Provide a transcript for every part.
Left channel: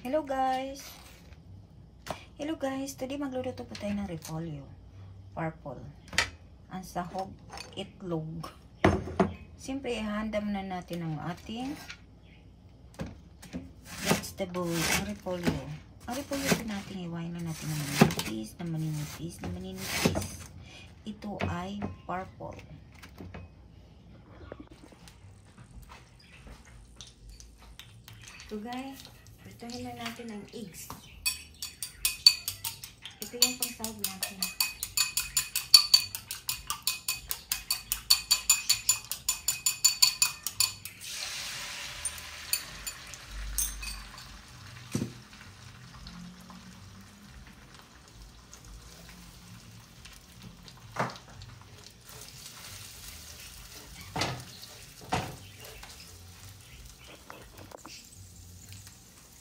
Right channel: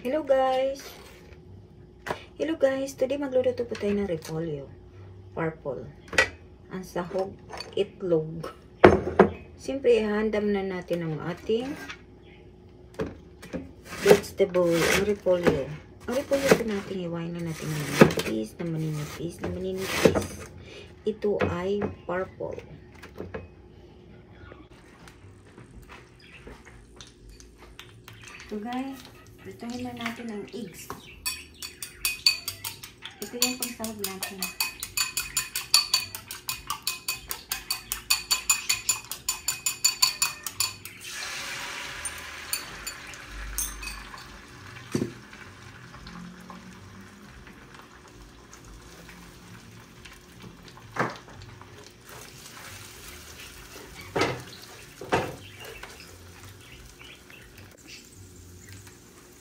Hello guys! Hello guys! Today magluluto po tayo ng repolyo. Purple. Ang sahog, itlog. Siyempre, ihanda na natin ang ating vegetable, ang repolyo. Ang repolyo po natin, iwain na natin ng maninipis. Ito ay purple. So guys, prituhin na natin ang eggs. Ito yung pangsahog natin.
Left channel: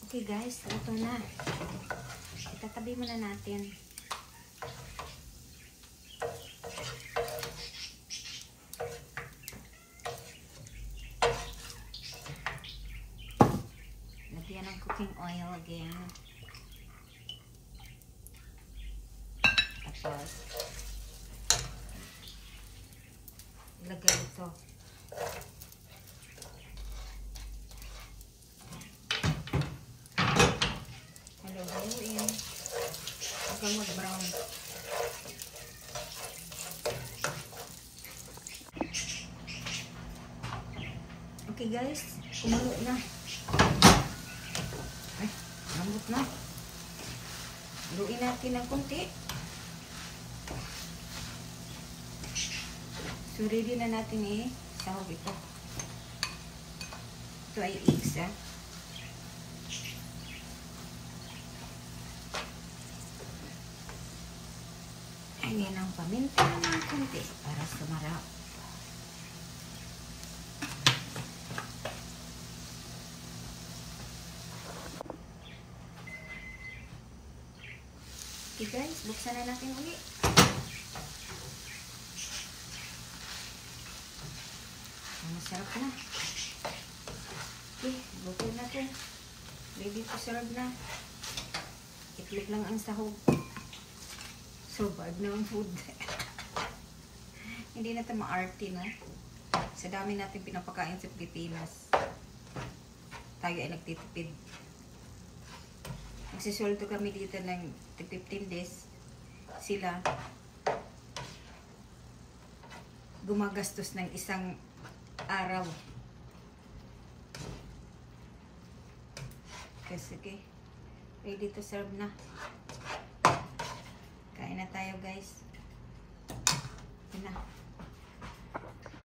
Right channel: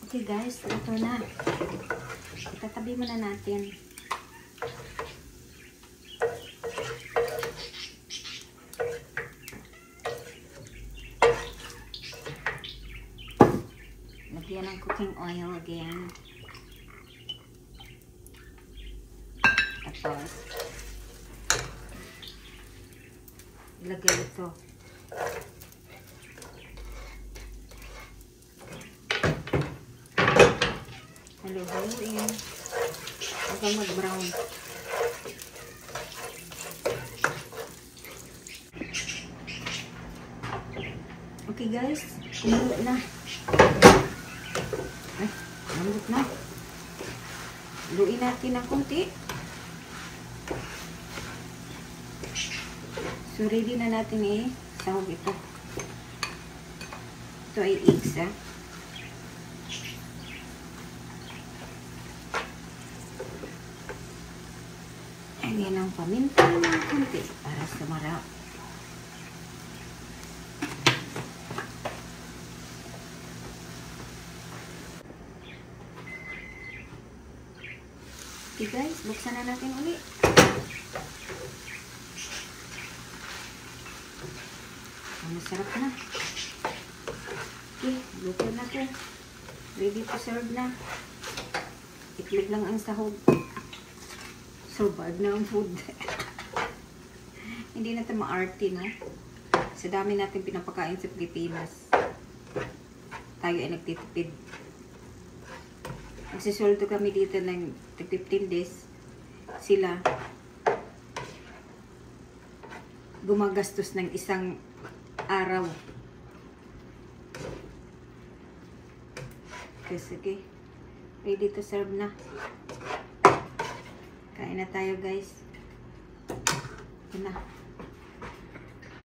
Okay guys, ito na. Itatabi muna natin. Lagyan ng cooking oil again. Tapos, ilagay ito. Halo-haloin hanggang mag-brown. Okay guys, kumulo na. Ay, lambot na. Luin natin ng konti. So ready na natin sahog ito. Ito ay eggs Ayan ang paminta ng konti para sumarap. Okay guys, buksan na natin ulit. Masarap na. Okay, luto na ito. Ready to serve na. Itlog lang ang sahog. Survive na ang food. Hindi natin ma-arty, no? Sa dami natin pinapakain sa Pilipinas, tayo ay nagtitipid. Nagsisoldo kami dito ng 15 days. Sila gumagastos ng isang araw. Okay, sige. Ready to serve na. Kain na tayo guys. Ito na.